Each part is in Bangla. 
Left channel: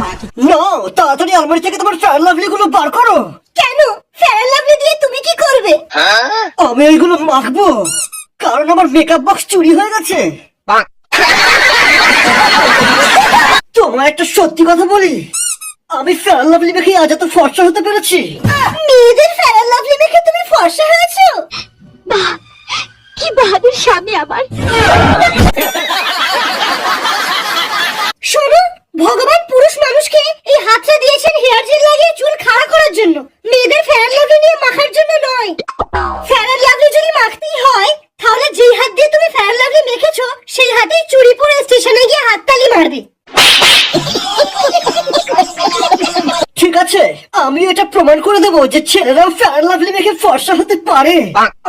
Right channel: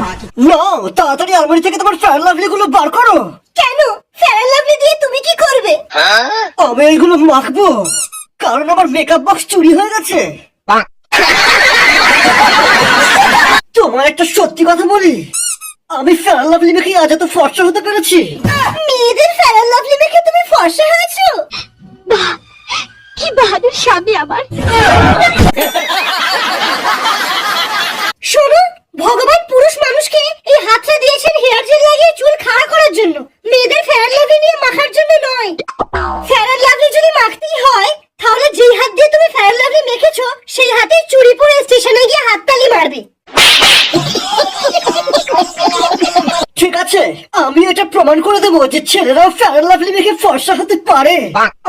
না, তাড়াতাড়ি আলমারি থেকে তোমার ফেয়ার লাভলি গুলো বার করো। কেন? ফেয়ার লাভলি দিয়ে তুমি কি করবে? আমি এইগুলো মাখবো, কারণ আমার মেকআপ বক্স চুরি হয়ে গেছে। তোমার একটা সত্যি কথা বলি, আমি ফেয়ার লাভলি মেখে আজ এত ফর্সা হতে পেরেছি। মেয়েদের ফেয়ার লাভলি মেখে তুমি ফর্সা হয়েছো? বাহ, কি বাহাদুর স্বামী আমার। শোনো, ভগবান পুরুষ মানুষকে এই হাতটা দিয়েছেন হেয়ার জেল লাগিয়ে চুল খাড়া করার জন্য, মেয়েদের ফেয়ার লাভলি নিয়ে মাখার জন্য নয়। ফেয়ার লাভলি যদি মাখতেই হয়, তাহলে যেই হাত দিয়ে তুমি ফেয়ার লাভলি মেখেছো সেই হাতেই চুরি পরে স্টেশনে গিয়ে হাততালি মারবে। ঠিক আছে, আমি এটা প্রমাণ করে দেবো যে ছেলেরা ফেয়ার লাভলি মেখে ফর্সা হতে পারে।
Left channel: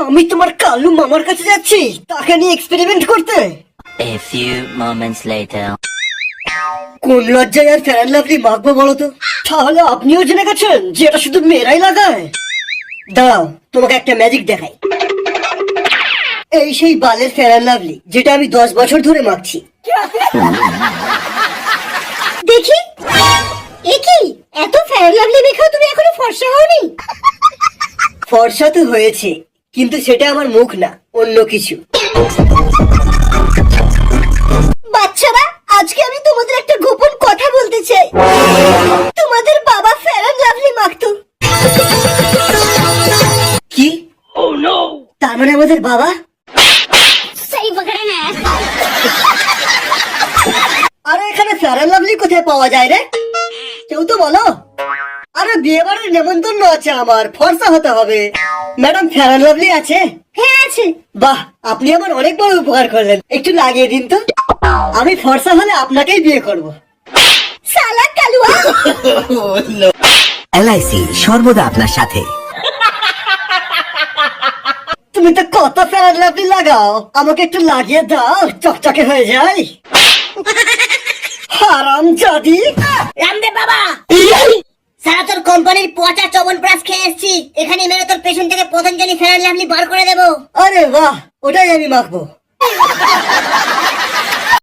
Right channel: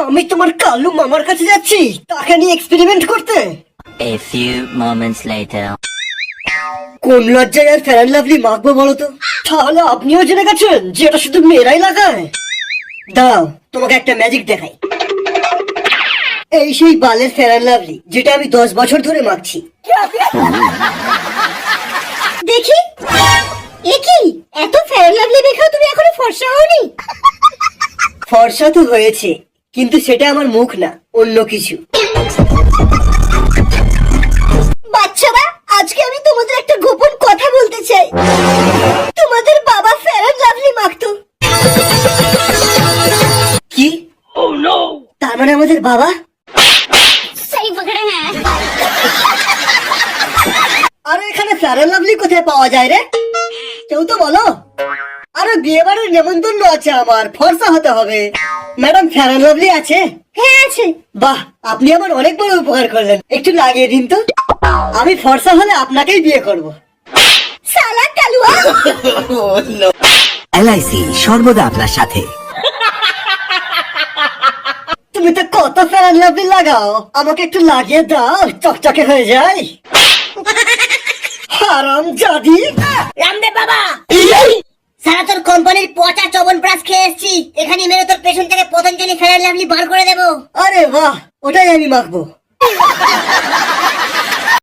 আমি তোমার কালু মামার কাছে যাচ্ছি তাকে নিয়ে এক্সপেরিমেন্ট করতে। A few moments later. কোন লজ্জায় আর ফেয়ার লাভলি মাখবো বলো তো? তাহলে আপনিও জেনে গেছেন যে এটা শুধু মেয়েরাই লাগায়। দাও, তোমাকে একটা ম্যাজিক দেখাই। এই সেই বালের ফেয়ার লাভলি যেটা আমি 10 বছর ধরে মাখছি। দেখি, এ কি? এত ফেয়ার লাভলি মেখেও তুমি এখনো ফর্সা হওনি? ফর্সা তো হয়েছে, কিন্তু সেটা আমার মুখ না, অন্য কিছু। বাচ্চারা, আজকে আমি তোমাদের একটা গোপন কথা বলতে চাই। তোমাদের বাবা ফেয়ার লাভলি মাখতো। কি? তার মানে আমাদের বাবা? আরে এখানে ফেয়ার লাভলি কোথায় পাওয়া যায় রে? কেউ তো বলো। আরে বিয়ে বাড়ির নেমন্তন্ন আছে আমার, ফর্সা হতে হবে। ম্যাডাম ফেয়ার লাভলি আছে? হ্যাঁ আছে। বাহ, আপনি আমার অনেক বড় উপকার করলেন, একটু লাগিয়ে দিন তো। আমি ফর্সা হলে আপনাকেই বিয়ে করব। শালা কালুয়া। LIC সর্বদা আপনার সাথে। তুমি তো কত ফেয়ার লাভলি লাগাও, আমাকে একটু লাগিয়ে দাও, চকচকে হয়ে যায়। হারাম জাদি। রামদেব বাবা, সারা তোর কোম্পানির পচা চবন ব্রাশ খেয়ে এসেছি, এখানে মেরে তোর পেছন থেকে পতঞ্জলি ফেয়ার লাভলি বার করে দেবো। আরে বাহ, ওটাই আমি মাখবো।